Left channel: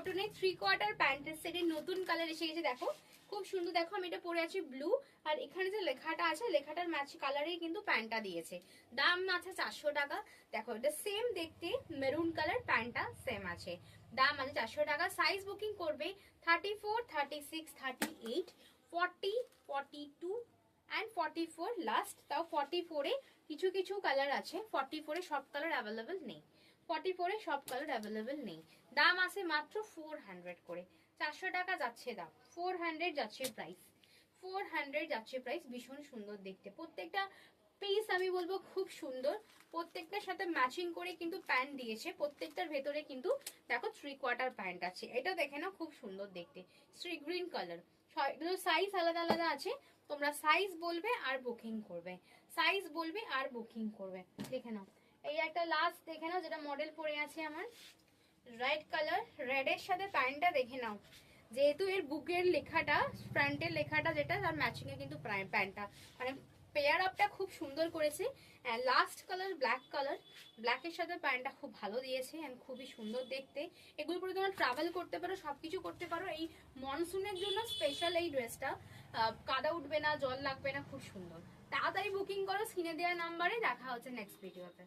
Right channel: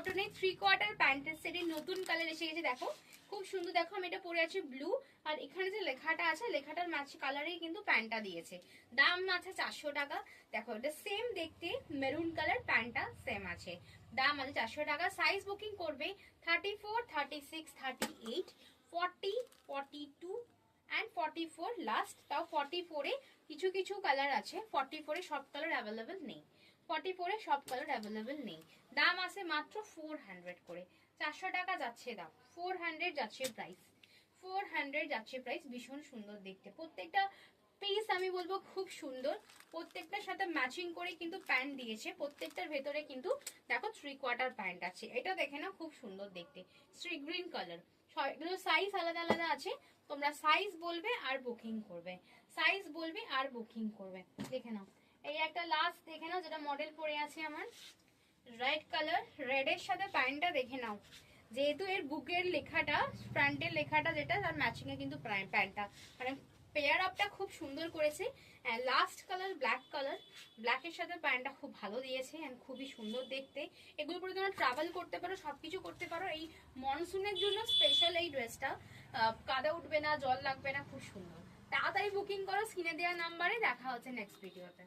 কটনের 3/4 প্যান্টের সেটের নতুন কালার এসে গেছে। দেখো খুব সুন্দর, দেখো আমি এটা পরে আছি ব্লু, আর এখানে যে লেখাটা আছে লেখাটার ম্যাচ কালারেই কিন্তু প্যান্টটা দিয়েছে। দাম আছে 400 টাকা। দেখো এটা সেম দেখতে, মেরুন কালার, প্যান্টটা সেম আছে, দাম আছে 400 টাকা। সাইজ বুকিং করবে 34, 36, 38, 40, 42 and 44 লাস্ট। তাও 44 এ কিছু কিছু কালার আছে, 44 এ সব কালার অ্যাভেলেবেল নেই, 44 এ সব কালার অ্যাভেলেবেল নেই। দাম আছে মাত্র 400 করে, 400 টাকা যাচ্ছে দাম, 400 যাচ্ছে প্রাইস, 400 যাচ্ছে প্রাইস। ভীষণ সুন্দর দেখতে প্রত্যেকটা পিস, আমি বলবো খুব সুন্দর। প্রত্যেকটার সাথে ম্যাচিং করে কিন্তু প্যান্ট দিয়েছে, প্রত্যেকটার ভেতরে কিন্তু দেখো 3/4 প্যান্ট আছে। এটা দেখে না খুব সুন্দর দেখতে, স্ট্রি গ্রিন কালার। সাইজ আলাদা আলাদা আছে, তোমরা সাইজ বলবে আর বুকিং করবে, সাইজ বলবে আর বুকিং করবে। দেখে নাও এই একটা লাস্ট দেখে নাও, যেটা মডেল পরে আছে আমার রেড কালার, রেডের সাথে প্যান্টটা দেখে নাও, যেহেতু এর বুকের লেখাটা, ফ্রন্টের লেখাটা যেটা, তার ম্যাচিং এ কিন্তু প্যান্টটা মানে পেয়ার আপটা খুব সুন্দর করেছে। লাস্ট কালার ব্ল্যাক কালার, ব্ল্যাকের সাথে প্যান্টটা খুব ভালো দিয়েছে, খুবই সুন্দর দেখতে। এগুলো পরে তোমরা ট্রাভেল করতে পারো, সবকিছু করতে পারো। এই মনসুনের জন্য স্পেশাল এই ড্রেসটা, কাদা উঠবে না, জল লাগবে না, খুব সুন্দর। তাড়াতাড়ি বুকিং করো, স্ক্রিনে দেওয়া নাম্বারে। দেখা হচ্ছে নেক্সট ভিডিওতে।